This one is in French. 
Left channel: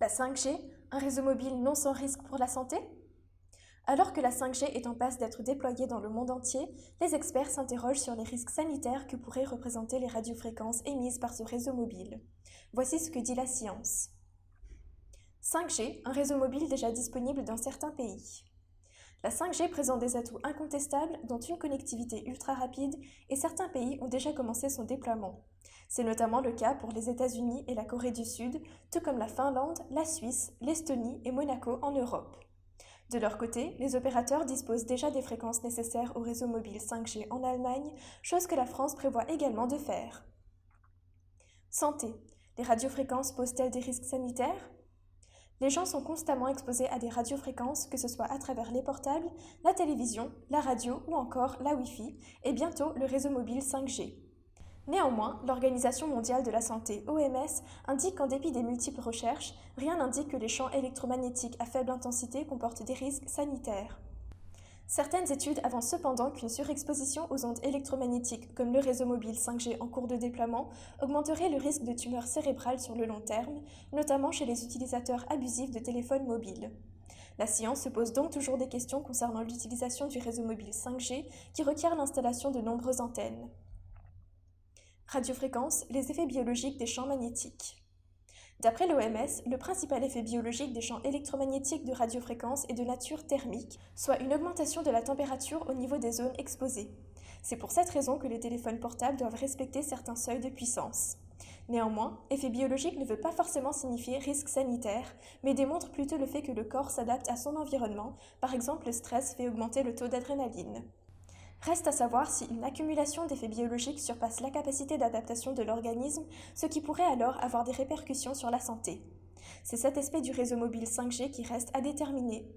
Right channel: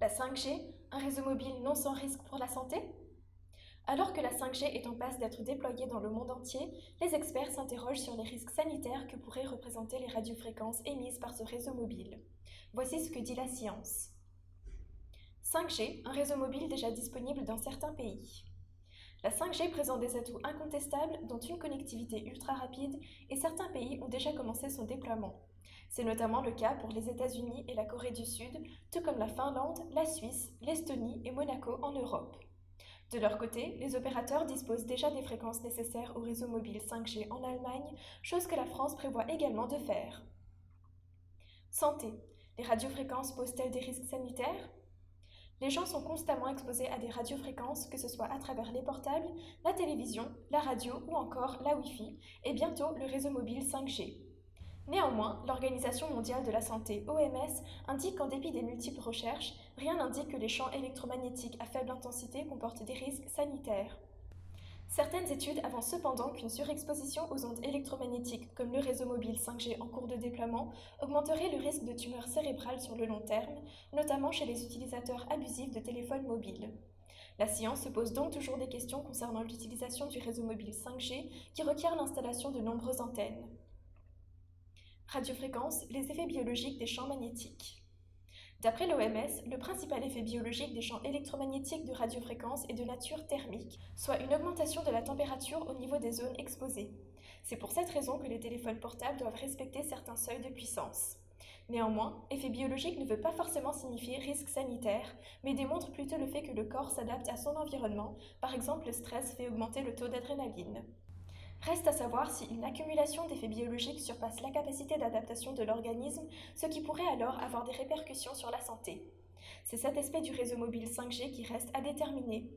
La 5G, un réseau mobile non sans risque pour la santé? Alors que la 5G est en passe d'être déployée dans le monde entier, les experts s'interrogent sur les risques sanitaires que pourraient représenter les radiofréquences émises par ce réseau mobile. Voici ce que dit la science. 5G, un réseau mobile déjà disponible dans certains pays. La 5G présente des atouts incontestables, dont une connectivité ultra rapide, et certains pays ont déjà commencé son déploiement. C'est notamment le cas pour les États-Unis et la Corée du Sud, tout comme la Finlande, la Suisse, l'Estonie et Monaco en Europe. De leur côté, les opérateurs disposent déjà des fréquences nécessaires au réseau mobile 5G en Allemagne, chose que la France prévoit également de faire. Santé. Les radiofréquences posent-elles des risques sanitaires? Les gens sont constamment exposés à des radiofréquences, que ce soit à travers les portables, la télévision, la radio ou encore la Wi-Fi, et bientôt le réseau mobile 5G. Néanmoins, l'Organisation mondiale de la santé, OMS, indique qu'en dépit des multiples recherches, rien n'indique que les champs électromagnétiques à faible intensité comportent des risques sanitaires. Certaines études avancent cependant qu'une surexposition aux ondes électromagnétiques, comme le réseau mobile 5G en cours de déploiement, augmenterait le risque de tumeurs cérébrales sur le long terme, notamment chez les utilisateurs abusifs de téléphones mobiles. La science se pose donc toujours des questions concernant l'utilisation du réseau mobile 5G qui requiert l'installation de nombreuses antennes. Radiofréquence, les effets biologiques des champs magnétiques. D'après l'OMS, le principal effet biologique des champs électromagnétiques de radiofréquence est de nature thermique, soit une augmentation de la température au niveau des zones exposées. C'est pour cette raison que les téléphones portables doivent respecter certains seuils de puissance. Néanmoins, effet biologique ne veut pas forcément signifier risque sanitaire, mais démontre plutôt le fait que le corps s'adapte à son environnement, par exemple le stress fait augmenter le taux d'adrénaline. Reste à savoir si une accumulation d'effets biologiques surpasse la capacité d'adaptation de l'organisme, ce qui pourrait alors avoir des répercussions sur la santé. C'est cet aspect du réseau mobile 5G qui reste à déterminer.